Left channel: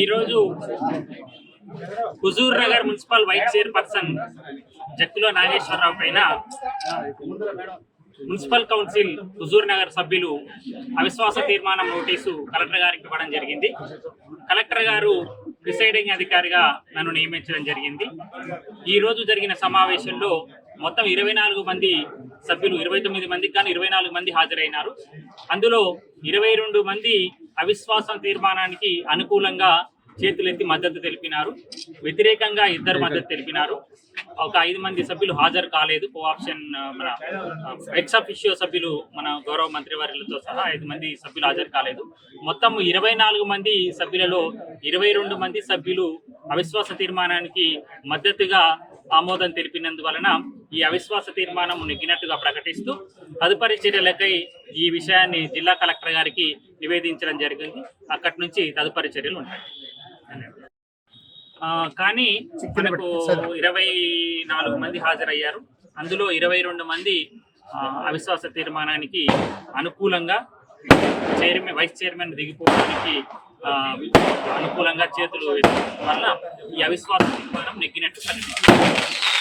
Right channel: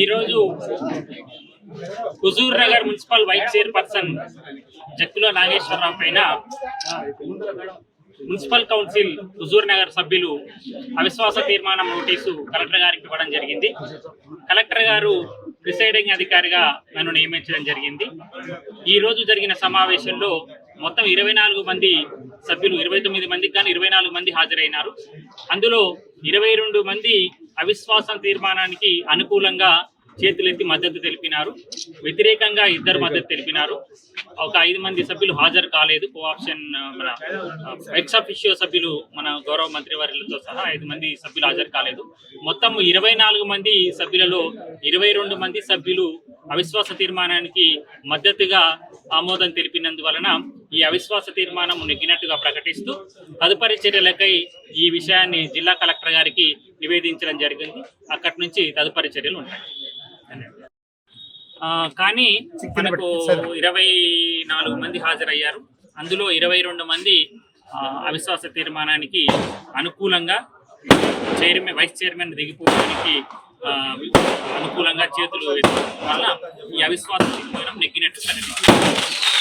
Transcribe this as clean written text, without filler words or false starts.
ఈరోజు Huzur Nagar municipal vice chairperson Jakkula Nageswara Rao పైన municipal council Huzur Nagar సభ్యులు అవిశ్వాస తీర్మానం నోటీసు కలెక్టర్ గారికి ఇవ్వడం జరిగింది. కలెక్టర్ గారు ప్రిసైడింగ్ అధికారిగా నన్ను నియమించడం జరిగింది. ఈ రోజు జరిగిన సమావేశంలో మొత్తం 24 మంది సభ్యులు, 29 మందికి కానీ 24 మంది హాజరైనారు. అందులో 22 మంది అవిశ్వాసం తీర్మానానికి అనుకూలంగా చేతులెత్తి మద్దతు తెలిపినారు. వ్యతిరేకంగా 2 మద్దతు తెలిపినారు. ఒక 5 మంది సభ్యులు హాజరు కాలేదు. కోఆప్షన్ మన ఎక్స్ అఫిషియో సభ్యులు మన గౌరవ మంత్రివర్యులతో సహా 5 మంది సభ్యులు హాజరు కాలేదు. మొత్తం 24 మంది సభ్యులలో 22 మంది సభ్యులు అవిశ్వాస తీర్మానానికి మద్దతుగా ఆమోదం తెలిపినందువలన ఈ అవిశ్వాస తీర్మానం నెగ్గినట్టుగా ప్రకటిస్తూ తదుపరి చర్యలకై ఈ విషయాన్ని జిల్లా కలెక్టర్ గారికి నివేదించడం జరిగింది. అక్కడి నుంచి తదుపరి చర్యలు ఉంటాయి. కానీ మనకు 24 మంది హాజరయ్యారు. అందులో 22 మంది అవిశ్వాస తీర్మానానికి అనుకూలంగా వైస్ చైర్మన్ దిగిపోవడానికి అనుకూలంగా చేతులు వల్ల ఈ అవిశ్వాస తీర్మానం నెగ్గినట్టు ప్రకటించారు.